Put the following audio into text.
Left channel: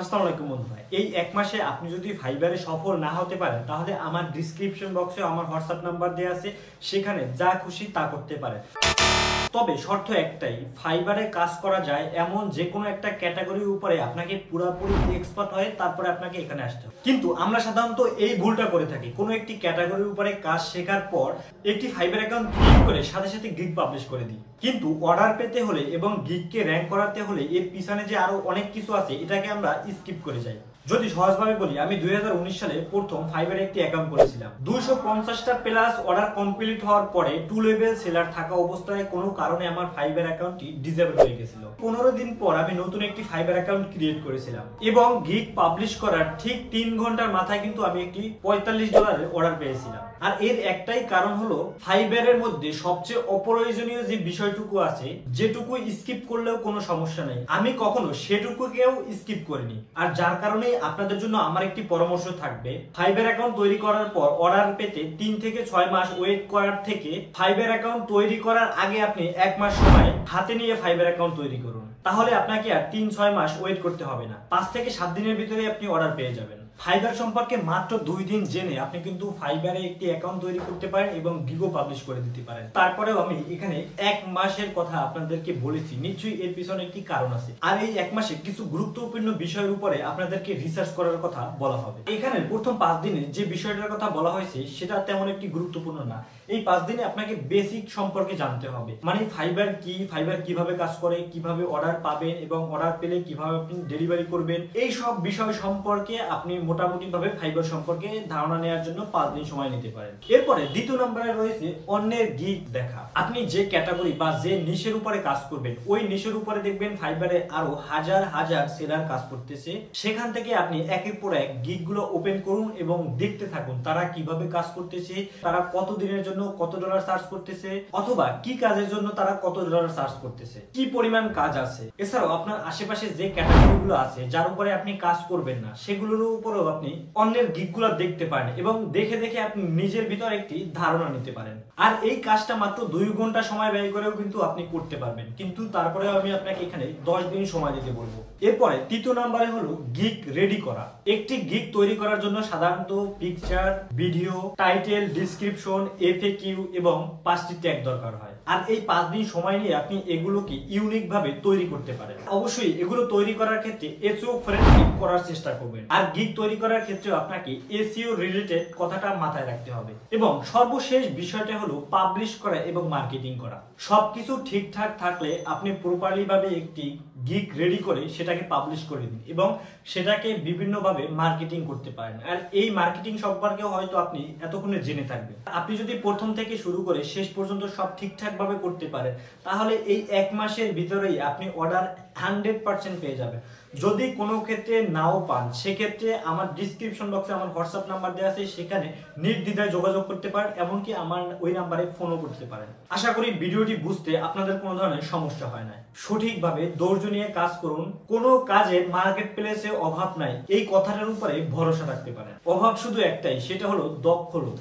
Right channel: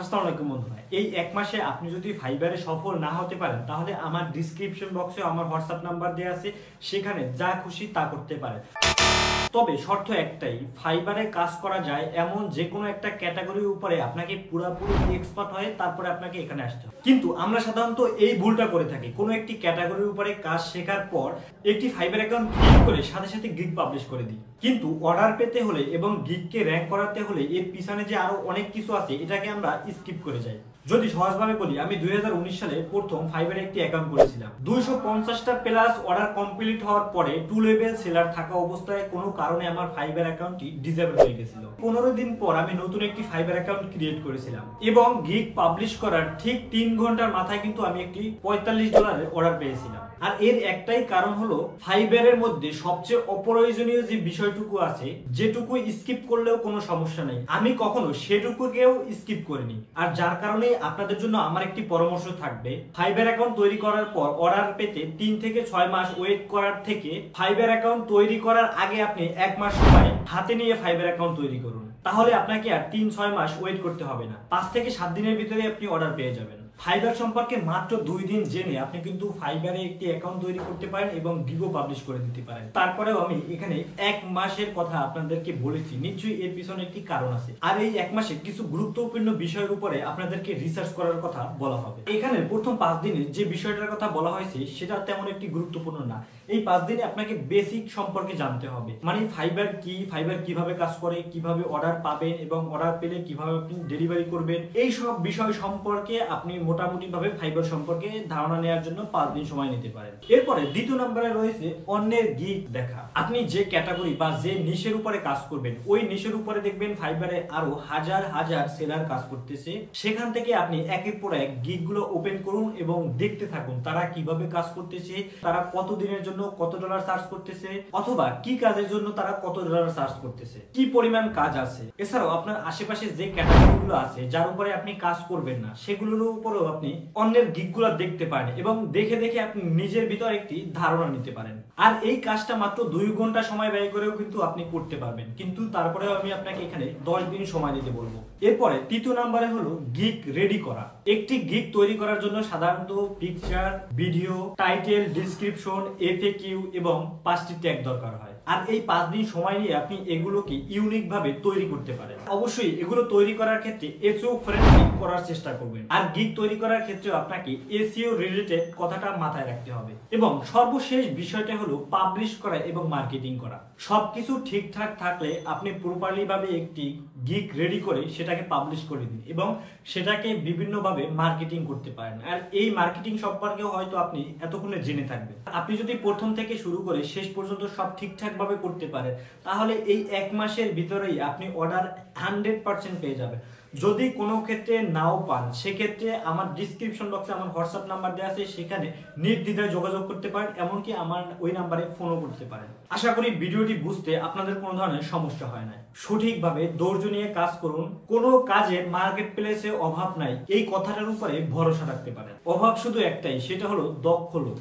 আসসালামু আলাইকুম বন্ধুরা, এই এক মাসে আপনি যদি ফাইবারে সফল না হতে পারেন তাহলে আমার ডিসক্রিপশন বক্সে আমার হোয়াটসঅ্যাপ নাম্বার দেওয়া আছে, সেখানে যা খুশি তা করতে পারেন। তবে শর্ত একটাই, ফাইবারে কাজ করা যায় এমন যে কোনো একটা ক্যাটাগরির উপরে আপনাকে পুরোপুরি এক্সপার্ট হয়ে তারপরে আপনাকে এখানে আসতে হবে। কিন্তু আমরা সাধারণত এই ভুলটা করে থাকি, কোনো একটি ক্যাটাগরির উপরে কাজ শেখার পর একটি ফাইবার অ্যাকাউন্ট ক্রিয়েট করে সাথে সাথে গিগ পাবলিশ করে দিই। কিন্তু অর্ডার পেতে হলে এবং গিগকে র্যাঙ্ক করাতে হলে এর পিছনে যে আরো অনেক কিছু আছে, এটাকে আমরা স্কিপ করে যাই। যদি সহজভাবে বলি, আমি 2019 সালে প্রথম ফাইবারে একটি অ্যাকাউন্ট করেছিলাম। 250টা প্লাস অর্ডার কমপ্লিট হওয়ার পরে 2 লেভেল সেলার থাকা অবস্থায় কোনো কারণে আমার ফাইবার অ্যাকাউন্টটি ডিসেবল হয়ে গেছিল। 15 দিন পর আমি নতুন একটি ফাইবার অ্যাকাউন্ট ক্রিয়েট করেছিলাম এবং গিগ পাবলিশ করার ঠিক 3 ঘন্টার মাথায় কিন্তু আমি একটি $45 অর্ডার পেয়েছিলাম। আর এর একটাই কারণ হলো, ফাইবারের মধ্যে সবচেয়ে অপ্রয়োজনীয় যে বিষয়টুকু আছে, যেটুকু স্কিপ করলেও কোনো সমস্যা নেই, আমি কখনো সেটুকুকেও স্কিপ করিনি। আর যার কারণে আপনাদের জন্য আমার একটি পরামর্শ থাকবে, ফাইবার অ্যাকাউন্ট তৈরি করার পর অর্ডার পেতে 3 থেকে 6 মাস ওয়েট করার থেকে ফাইবার অ্যাকাউন্ট তৈরি করার আগে আপনি 1 মাস সময় হাতে নিয়ে ফাইবার অ্যাকাউন্ট তৈরি করুন। তাহলে আপনাকে আর 3-6 মাস ওয়েট করতে হবে না, 5 থেকে 7 দিনের ভিতরে আপনি অর্ডার পেয়ে যাবেন। ফাইবার সম্পর্কে মাত্র 2 দিন জেনে আপনি কিন্তু ফাইবারে একটি অ্যাকাউন্ট তৈরি করতে পারেন এবং গিগও পাবলিশ করে দিতে পারেন। তারপরেও আমি এখানে 1 মাসের কথা আপনাদেরকে বলেছি, নিশ্চয়ই এর পিছনে একটি কারণ আছে। আর এই 1 মাসে কিছু গুরুত্বপূর্ণ বিষয়ের উপরে আপনাদেরকে রিসার্চ করার কথা বলা হবে। এখানে প্রথম 5 দিনে যে বিষয়টার কথা বলা হয়েছে সেটা তেমন একটি গুরুত্বপূর্ণ না। এই 5 দিনে আপনাকে বেসিক সম্পর্কে জানতে হবে, মানে ফাইবার কি, ফাইবার কিভাবে কাজ করে, কিভাবে অর্ডার পাবেন এবং অর্ডার পেলে কিভাবে আপনি ডেলিভারি করবেন, এই সব বিষয় সম্পর্কে আপনি মোটামুটি ভাবে ফাইবার সম্পর্কে ধারণা নেওয়ার জন্য 5 দিন সময় নিতে পারেন। এরপরে দ্বিতীয় নম্বরে রয়েছে অন্যের গিগ দেখা। আপনি যে ক্যাটাগরি বা যে নিশের উপরে কাজ করবেন, ওই নিশের উপরে দেখবেন ফাইবারে আরো হাজার হাজার সেলার কাজ করতেছে। সেখান থেকে আপনি একের পর এক গিগ গুলো ওপেন করুন এবং দেখতে থাকুন তারা কিভাবে কাজ করতেছে, তারা কত দিনের জন্য কত ডলার চার্জ করতেছে, অথবা কি কাজের জন্য তারা কত ডলার চার্জ করতেছে, কি পরিমাণ কাজ আছে। এছাড়াও আপনার আশেপাশে যে ক্যাটাগরি গুলো আছে যার উপরে আপনি কাজ করবেন না, সেগুলোর উপরেও আপনি অন্যের গিগগুলো দেখতে পারেন এবং দেখে দেখে আপনি নিজের ভিতর একটি ধারণা নিতে পারেন। আর এই কাজটা মাত্র 2 ঘন্টা সময় ব্যয় করেও কিন্তু আপনি করতে পারবেন, কিন্তু তারপরেও আমি আপনাকে এখানে 10 দিন সময় দিতে বলবো। এরপরে তৃতীয় নম্বরে হলো গিগ রেডি করা। একটি গিগ তৈরি করার জন্য সাধারণত picture, video, title, description, FAQ এবং 5টি ট্যাগ দরকার হয়। আর এই 5 দিন সময় নিয়ে আপনি এগুলোকে ইউনিক ভাবে তৈরি করতে পারেন। অবশ্যই এগুলো তৈরি করার ক্ষেত্রে এসইও ফ্রেন্ডলি করার চেষ্টা করবেন। আর গিগ তৈরি করার ক্ষেত্রে আপনাকে এসইও রিলেটেড কথাটা মাথায় রাখতে হবে। এবং সর্বশেষ বিষয়টা হলো পাবলিশ করা এবং মার্কেটিং করা। সবকিছু ঠিকঠাক থাকলে আপনি প্রপারলি ভাবে একটি গিগ রেডি করে সেটাকে পাবলিশ করে দিন এবং সেটাকে বিভিন্ন ভাবে মার্কেটিং করতে পারেন। আর এই মার্কেটিং সম্পর্কেও হয়তো আপনি এতক্ষণে জেনে থাকবেন। আপনি যদি প্রথম থেকে শুরু করে শেষ পর্যন্ত সব ঠিকঠাক ভাবে করতে পারেন, তাহলে এই 1 মাসের ভিতরেই আপনি অর্ডার 100% পেয়ে যাবেন। যদি কোনো ক্ষেত্রে নাও পান, সেক্ষেত্রে আমার ডিসক্রিপশন বক্সে আমার হোয়াটসঅ্যাপ নাম্বার দেওয়া আছে, সেখানে নির্দ্বিধায় যোগাযোগ করতে পারেন, এমনকি আমার ওই নাম্বারে ফোনও করতে পারেন। আশা করি ভিডিওটি বুঝতে আপনাদের কোনো ধরনের সমস্যা হয় না। সঠিকভাবে ধৈর্য নিয়ে কাজ করুন, কোনো কাজের মার্কেট প্লেসে অভাব নাই, এই কথাটার উপরে ভরসা রাখতে পারেন। অভাব শুধু একটাই, সেটা হলো দক্ষ লোক।